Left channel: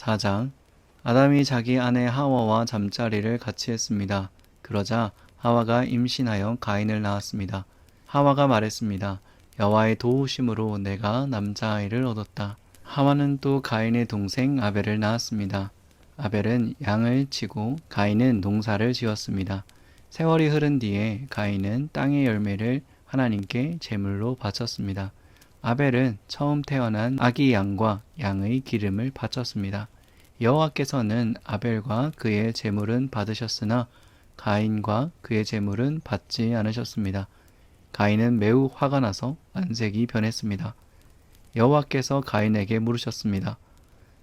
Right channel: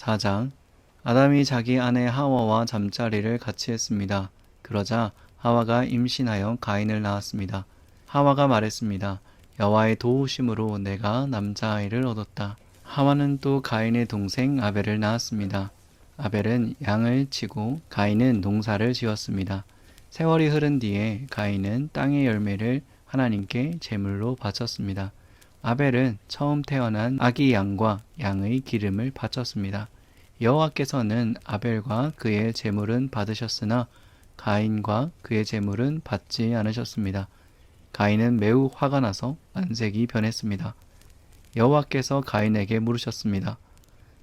4장. 아담이 자기 아내 하와와 잠자리를 같이 했습니다. 그러자 하와가 임신하여 가인을 낳았습니다. 하와가 말했습니다. 여호와의 도우심으로 내가 남자아이를 얻었다. 하와는 또 가인의 동생 아벨을 낳았습니다. 아벨은 양을 치고 가인은 농사를 지었습니다. 세월이 흐른 뒤에 가인은 땅의 열매를 하나님께 제물로 바쳤습니다. 아벨은 처음 태어난 아기 양과 양의 기름을 바쳤습니다. 여호와께서는 아벨과 그의 제물은 받으셨으나 가인과 그의 제물은 받지 않으셨습니다. 가인은 매우 화가 나서 안색이 변했습니다. 여호와께서 가인에게 물으셨습니다.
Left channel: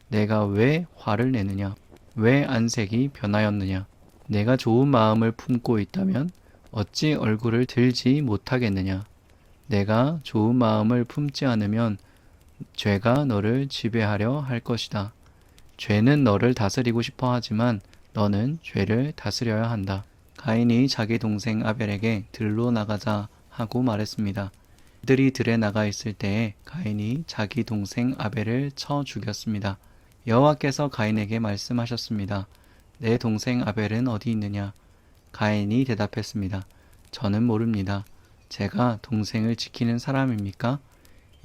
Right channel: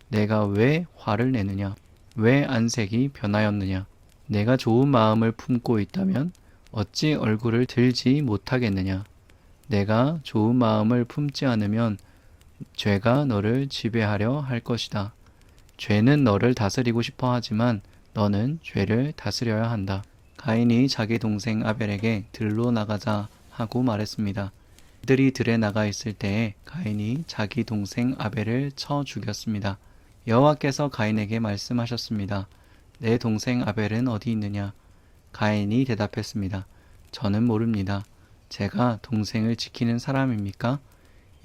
내가 왜 화를 내느냐? 왜 안색이 변하였느냐? 내가 좋은 마음을 품고 있다면 어찌 얼굴을 들지 못하겠느냐? 내가 좋은 마음을 품지 않으면 죄가 너를 지배하려 할 것이다. 죄는 너를 다스리고 싶어 하지만 너는 죄를 다스려야 한다. 가인이 자기 동생 아벨에게 들로 나가자 하고 말했습니다. 그들이 들에 나가 있을 때에 가인이 자기 동생 아벨을 쳐 죽였습니다. 여호와께서 가인에게 말씀하셨습니다. 내 동생 아벨은 어디 있느냐? 가인이 대답했습니다. 저는 모릅니다. 제가 동생을 지키는 사람입니까?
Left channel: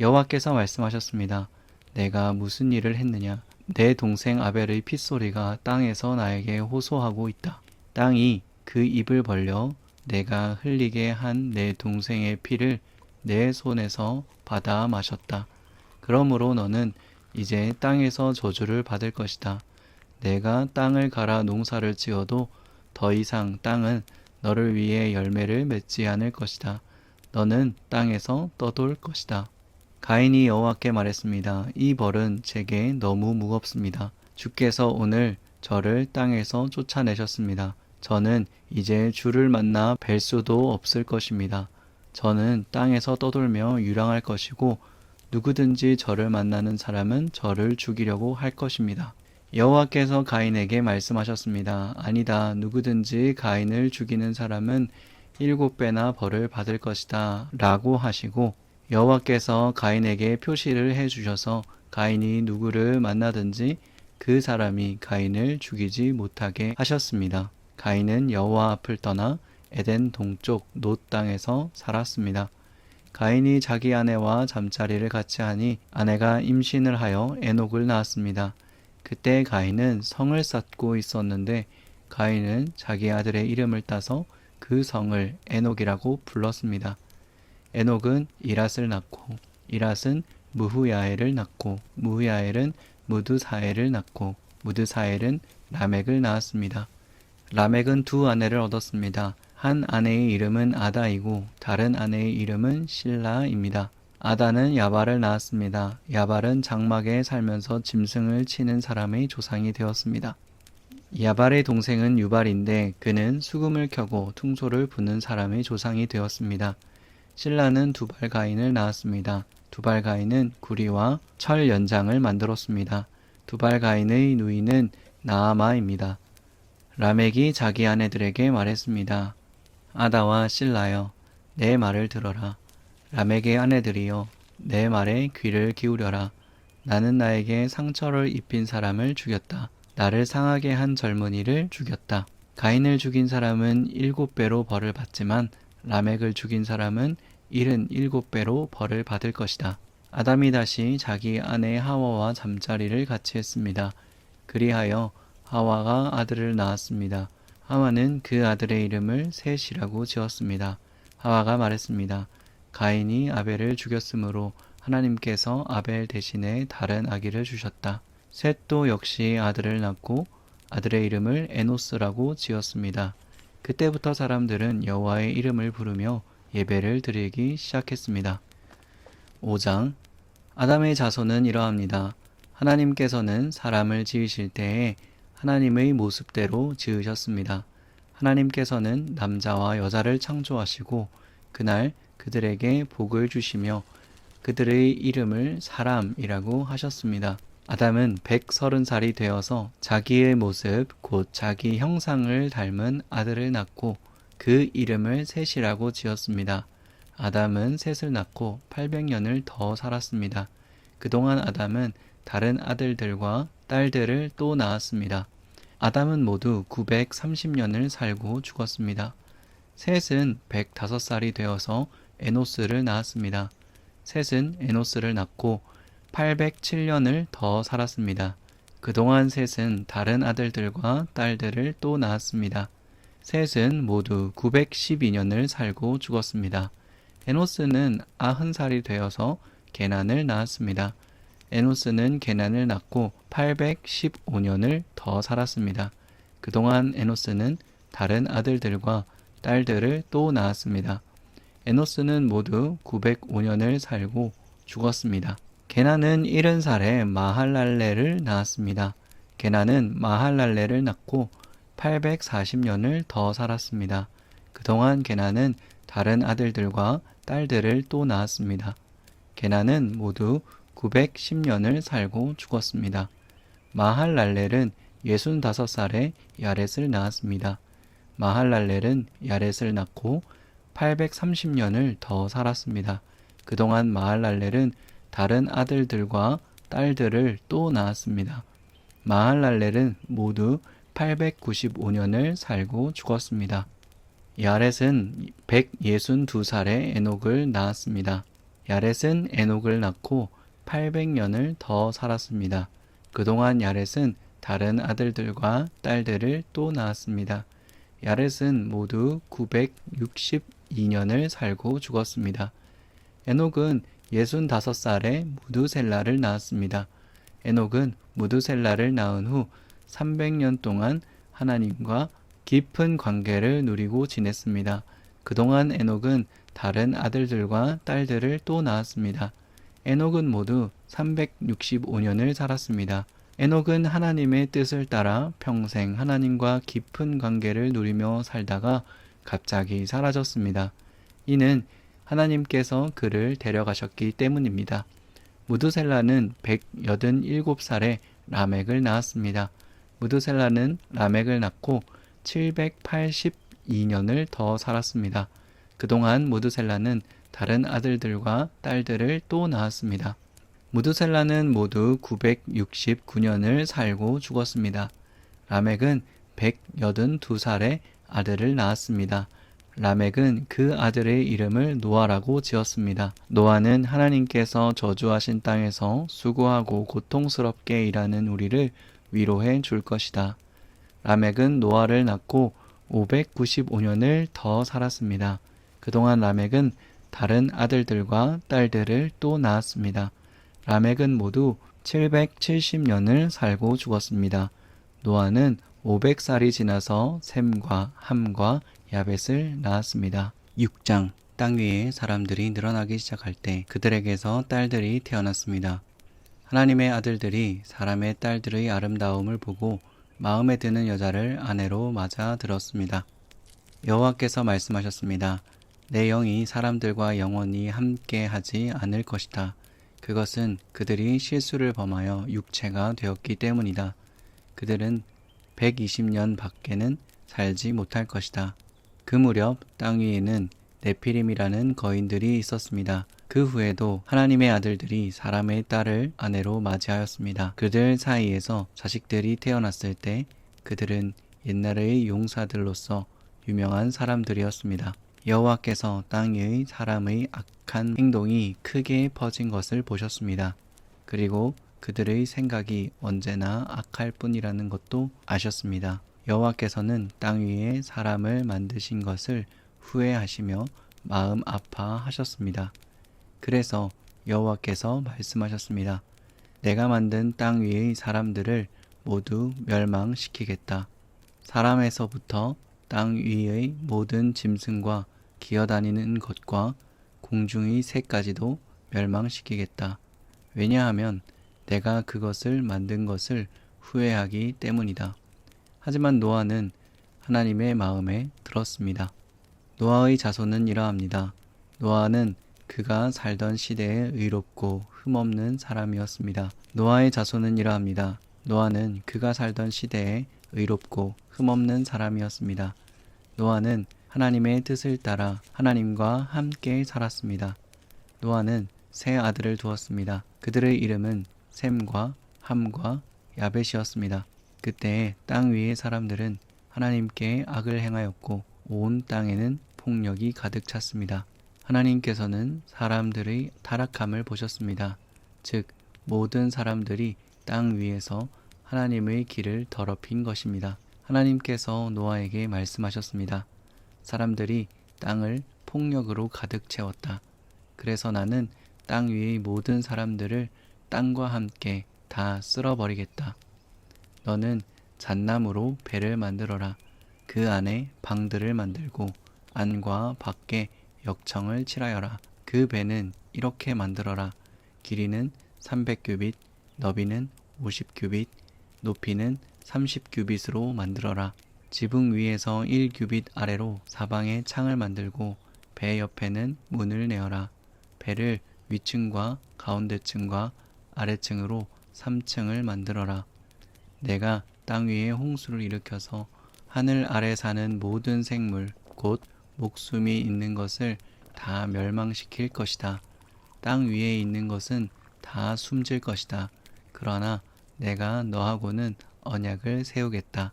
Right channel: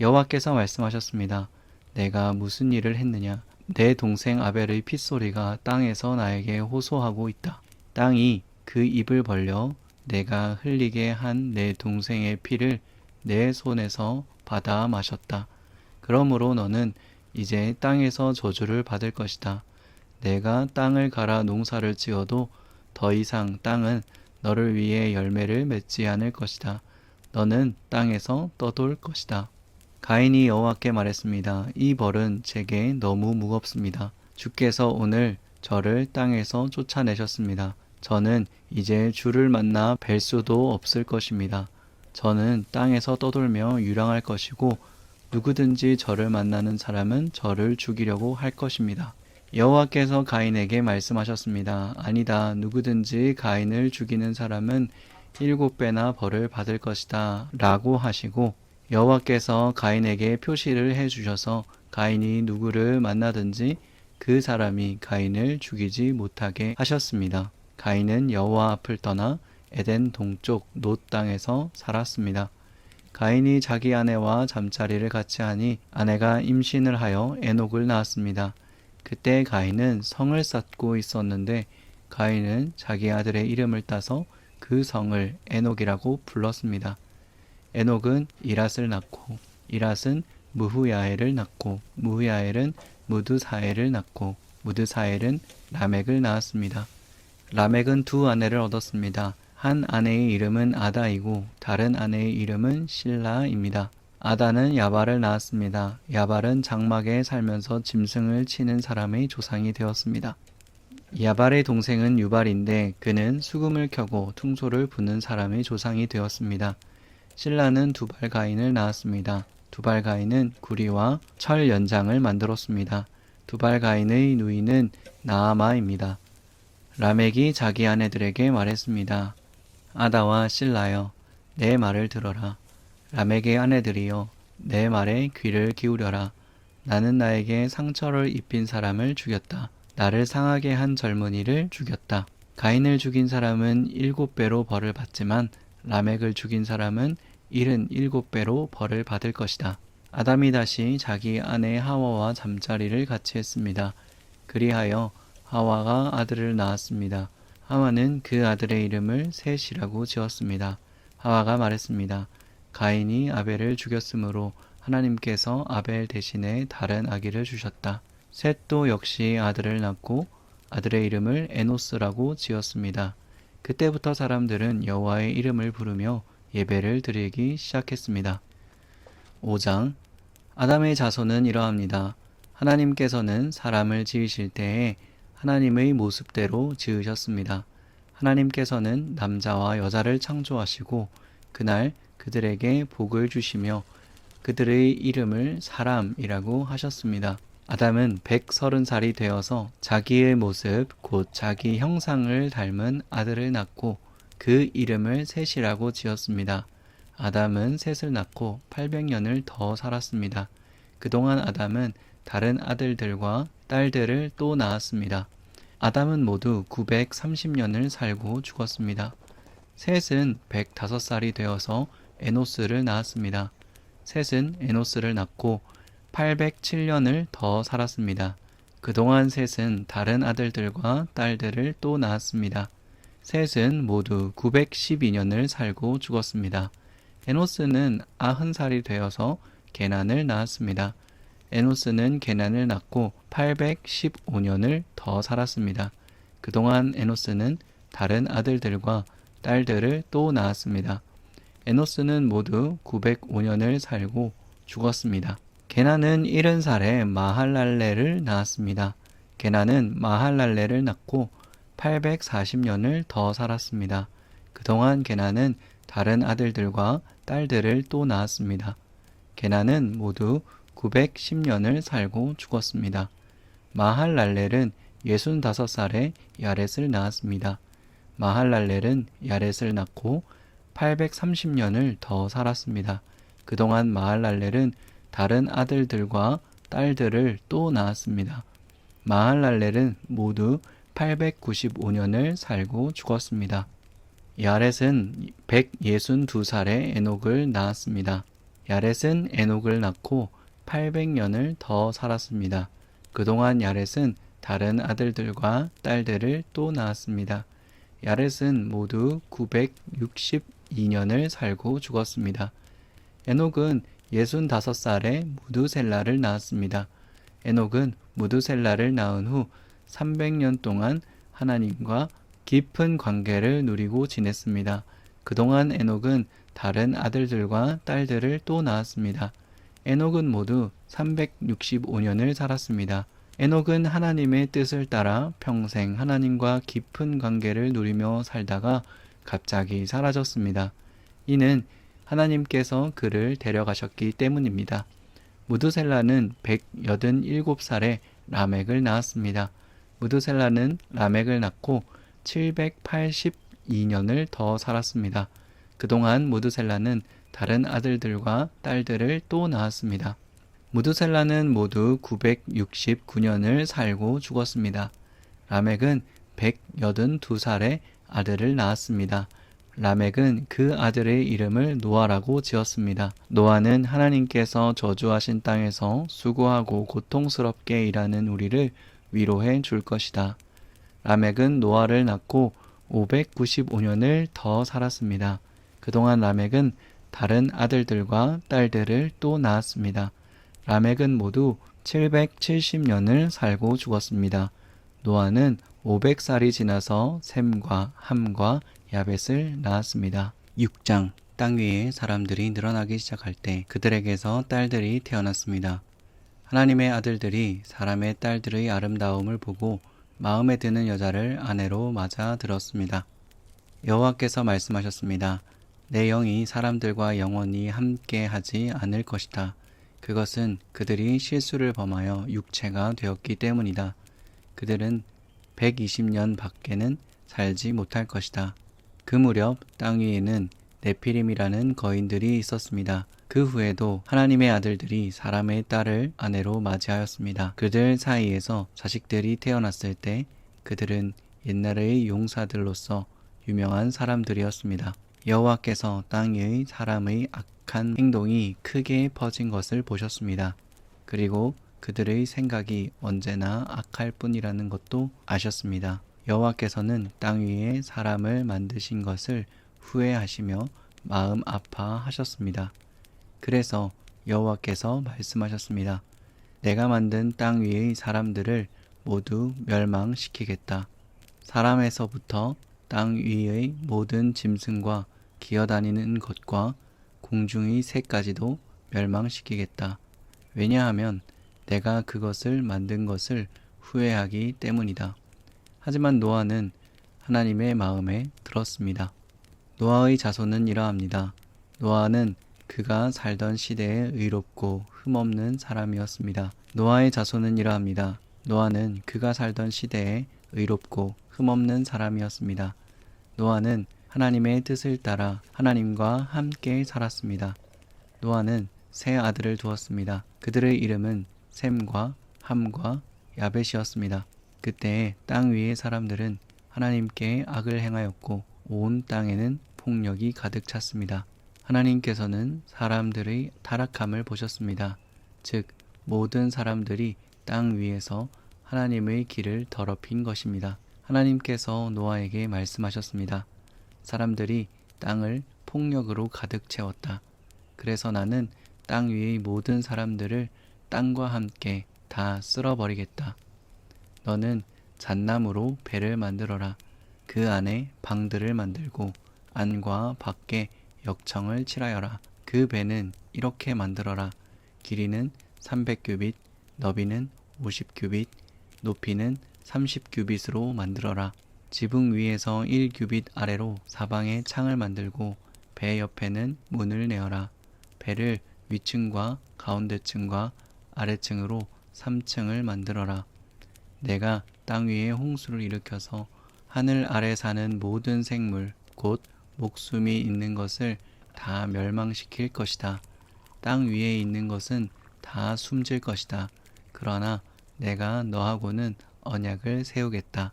여호와께서 말씀하셨습니다. 내가 무슨 일을 했느냐? 내 동생 아벨의 핏소리가 땅에서 나에게 호소하고 있다. 땅이 그 입을 벌려 내가 흘리게 한 내 동생의 피를 내 손에서 받아 마셨다. 그러므로 너는 이제 땅에서 저주를 받을 것이다. 내가 땅을 갈아 농사를 지어도 더 이상 땅은 너를 위해 열매를 맺지 않을 것이다. 너는 땅에서 떠돌 것이다. 가인이 여호와께 말했습니다. 이 벌은 제게 너무 무겁습니다. 주께서 오늘 저를 땅에서 쫓아내셨습니다. 저는 이제 주를 만나 뵐 수도 없을 것입니다. 저는 땅에서 떠돌며 유랑할 것이고 누구든지 저를 만나는 사람은 저를 죽이려고 할 것입니다. 여호와께서 가인에게 말씀하셨습니다. 아니다. 누구든지 가인을 죽이는 사람은 7배나 벌을 받을 것이다. 라고 하시고 여호와께서 가인에게 표시를 해주셔서 가인이 누구를 만나든지 그 사람이 가인을 죽이지 못하게 하셨습니다. 가인은 여호와 앞을 떠나 에덴 동쪽 놋 땅에서 살았습니다. 가인이 자기 아내와 잠자리를 같이 하니 아내가 임신을 하여 에녹을 낳았습니다. 그때 가인은 성을 쌓고 있었는데 가인은 자기 아들의 이름을 따서 그 성을 에녹이라고 불렀습니다. 에녹은 이랏을 낳고 이랏은 무후야엘을 낳고 무후야엘은 무드사엘을 낳고 무드사엘은 라멕을 낳았습니다. 라멕은 두 아내를 얻었습니다. 한 아내의 이름은 아다이고 다른 아내의 이름은 실라입니다. 아다는 야발을 낳았습니다. 야발은 장막에 살면서 짐승을 치는 사람의 조상이 되었습니다. 야발의 동생은 유발인데 그는 수금을 켜고 퉁소를 부는 사람의 조상이 되었습니다. 실라는 두발가인을 낳았습니다. 두발가인은 구리와 철 연장을 만들었습니다. 두발가인의 누이는 나아마입니다. 라멕이 자기 아내들에게 말했습니다. 아다와 실라여, 내 말을 들어라. 라멕의 아내들이여, 내 말에 귀를 기울여라. 나는 나에게 상처를 입힌 사람을 죽였다. 나를 상하게 한 젊은이를 죽였다. 가인을 죽인 사람은 7배로 벌을 받지만 라멕을 죽인 사람은 77배로 벌을 받을 것이다. 아담이 다시 자기 아내 하와와 잠자리를 같이 했습니다. 그리하여 하와가 아들을 낳았습니다. 하와는 그 아들의 이름을 셋이라고 지었습니다. 하와가 말했습니다. 가인이 아벨을 죽였으므로 하나님께서 아벨 대신에 다른 아기를 주셨다. 셋도 역시 아들을 낳고 아들의 이름을 에노스라고 지었습니다. 그때부터 사람들은 여호와의 이름을 부르며 예배를 드리기 시작했습니다. 5장. 아담의 자손은 이러합니다. 하나님께서는 사람을 지으실 때에 하나님의 모습대로 지으셨습니다. 하나님께서는 남자와 여자를 창조하시고 그날 그들에게 복을 주시며 그들의 이름을 사람이라고 하셨습니다. 아담은 130살이 되어서 자기의 모습 곧 자기 형상을 닮은 아들을 낳고 그 이름을 셋이라고 지었습니다. 아담은 셋을 낳고 800년을 더 살았습니다. 그동안 아담은 다른 아들들과 딸들을 또 낳았습니다. 아담은 모두 930년을 살고 죽었습니다. 셋은 105살이 되어서 에노스를 낳았습니다. 셋은 에노스를 낳고 807년을 더 살았습니다. 그동안 셋은 다른 아들들과 딸들을 또 낳았습니다. 셋은 모두 912년을 살고 죽었습니다. 에노스는 90살이 되어서 게난을 낳았습니다. 에노스는 게난을 낳고 815년을 더 살았습니다. 그동안 에노스는 다른 아들들과 딸들을 또 낳았습니다. 에노스는 모두 905년을 살고 죽었습니다. 게난은 70살에 마할랄레를 낳았습니다. 게난은 마할랄레를 낳고 840년을 더 살았습니다. 그동안 게난은 다른 아들들과 딸들을 또 낳았습니다. 게난은 모두 910년을 살고 죽었습니다. 마할랄렐은 65살에 야렛을 낳았습니다. 마할랄렐은 야렛을 낳고 830년을 더 살았습니다. 그동안 마할랄렐은 다른 아들들과 딸들을 또 낳았습니다. 마할랄렐은 모두 895년을 살고 죽었습니다. 야렛은 162살에 에녹을 낳았습니다. 야렛은 에녹을 낳고 800년을 더 살았습니다. 그동안 야렛은 다른 아들들과 딸들을 또 낳았습니다. 야렛은 모두 962년을 살고 죽었습니다. 에녹은 65살에 무두셀라를 낳았습니다. 에녹은 무두셀라를 낳은 후 300년 동안 하나님과 깊은 관계를 누리고 지냈습니다. 그동안 에녹은 다른 아들들과 딸들을 또 낳았습니다. 에녹은 모두 365년을 살았습니다. 에녹은 하나님의 뜻을 따라 평생 하나님과 깊은 관계를 누리며 살다가 갑자기 사라졌습니다. 이는 하나님께서 그를 데려가셨기 때문입니다. 무두셀라는 187살에 라멕을 낳았습니다. 무두셀라는 라멕을 낳고 782년을 더 살았습니다. 그동안 무두셀라는 다른 아들들과 딸들을 또 낳았습니다. 무두셀라는 모두 969년을 살고 죽었습니다. 라멕은 182살에 아들을 낳았습니다. 라멕은 그 아들의 이름을 노아라고 지었습니다. 노아는 하나님께서 저주하신 땅에서 수고하고 고통스럽게 일하는 우리를 위로해 줄 것이다. 라멕은 노아를 낳고 595년을 더 살았습니다. 그동안 라멕은 다른 아들들과 딸들을 또 낳았습니다. 라멕은 모두 770년을 살고 죽었습니다. 노아는 500살이 지나서 셈과 함과 야벳을 낳았습니다. 6장. 땅 위에 사람들이 늘어나기 시작할 때 그들에게서 딸들이 태어났습니다. 하나님의 아들들이 사람의 딸들의 아름다움을 보고 마음에 드는 여자를 아내로 맞아 들었습니다. 여호와께서 말씀하셨습니다. 내 영이 사람들과 영원히 함께 하지 않을 것이다. 그것은 그들이 실수를 범하여 육체가 되었기 때문이다. 그들은 120년 밖에는 살지 못할 것이다. 그 무렵 땅 위에는 네피림이라는 거인들이 있었습니다. 그 후에도 하나님의 아들들이 사람의 딸을 아내로 맞이하였습니다. 그들 사이에서 자식들이 태어났을 때 그들은 옛날의 용사들로서 유명한 사람들이었습니다. 여호와께서 땅 위의 사람의 악한 행동이 크게 퍼진 것을 보셨습니다. 그리고 그들의 생각이 언제나 악할 뿐이라는 것도 아셨습니다. 여호와께서는 땅 위에 사람을 만드신 것을 후회하시며 마음 아파하셨습니다. 그래서 여호와께서 말씀하셨습니다. 내가 만든 땅 위의 사람들을 모두 멸망시키겠다. 사람에서부터 땅 위의 모든 짐승과 기어다니는 것과 공중의 새까지도 멸망시키겠다. 왜냐하면 내가 그것을 만든 것을 후회하기 때문이다. 하지만 노아는 하나님의 마음에 들었습니다. 노아의 자손은 이러합니다. 노아는 그가 살던 시대에 의롭고 흠없는 사람이었습니다. 노아의 자손은 이러합니다. 노아는 그가 살던 시대에 의롭고 흠없는 사람이었습니다. 노아는 하나님의 뜻을 따라 하나님과 함께 살았습니다. 노아는 세 아들을 두었습니다. 그들의 이름은 셈과 함과 야벳이었습니다. 그때에 땅 위의 사람들은 하나님께 악을 행하였고 온 땅에는 폭력이 가득 찼습니다. 하나님께서는 사람들의 타락함을 보셨습니다. 즉 모든 사람들이 땅 위에서 하나님의 길을 더럽힌 것입니다. 하나님께서 노아에게 말씀하셨습니다. 사람들이 땅을 폭력으로 가득 채웠다. 그래서 나는 땅 위의 모든 사람들을 땅과 함께 다 쓸어버리겠다. 너는 잣나무로 배를 만들어라. 그 안에 방들을 만들고 안과 밖에 역청을 칠하여라. 그 배는 이렇게 만들어라. 길이는 300규빗, 너비는 50규빗, 높이는 30규빗으로 만들어라. 지붕 위에서 1규빗 아래로 사방에 창을 만들고 배 옆에는 문을 내어라. 배를 위층과 가운데층과 아래층으로 3층을 만들어라. 내가 땅 위에 홍수를 일으켜서 하늘 아래 사는 모든 생물, 곧 목숨이 있는 것을 다 멸망시킬 것이다. 땅 위에 있는 것은 다 숨질 것이다. 그러나 내가 너하고는 언약을 세우겠다.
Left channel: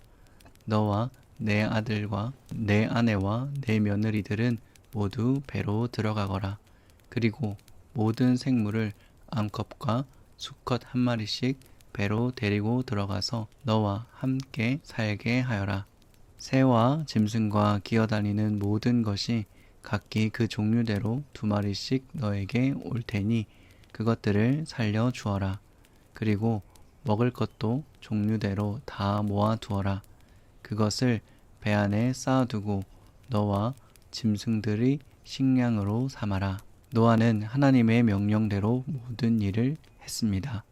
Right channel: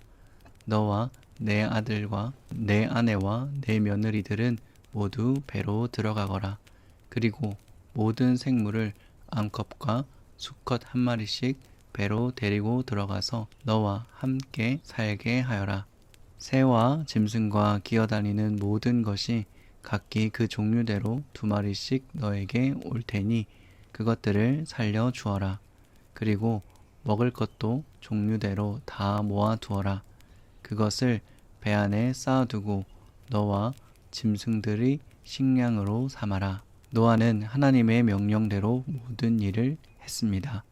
너와 내 아들과 내 아내와 내 며느리들은 모두 배로 들어가거라. 그리고 모든 생물을 암컷과 수컷 한 마리씩 배로 데리고 들어가서 너와 함께 살게 하여라. 새와 짐승과 기어다니는 모든 것이 각기 그 종류대로 2마리씩 너에게 올 테니 그것들을 살려 주어라. 그리고 먹을 것도 종류대로 다 모아 두어라. 그것을 배 안에 쌓아두고 너와 짐승들의 식량으로 삼아라. 노아는 하나님의 명령대로 모든 일을 했습니다.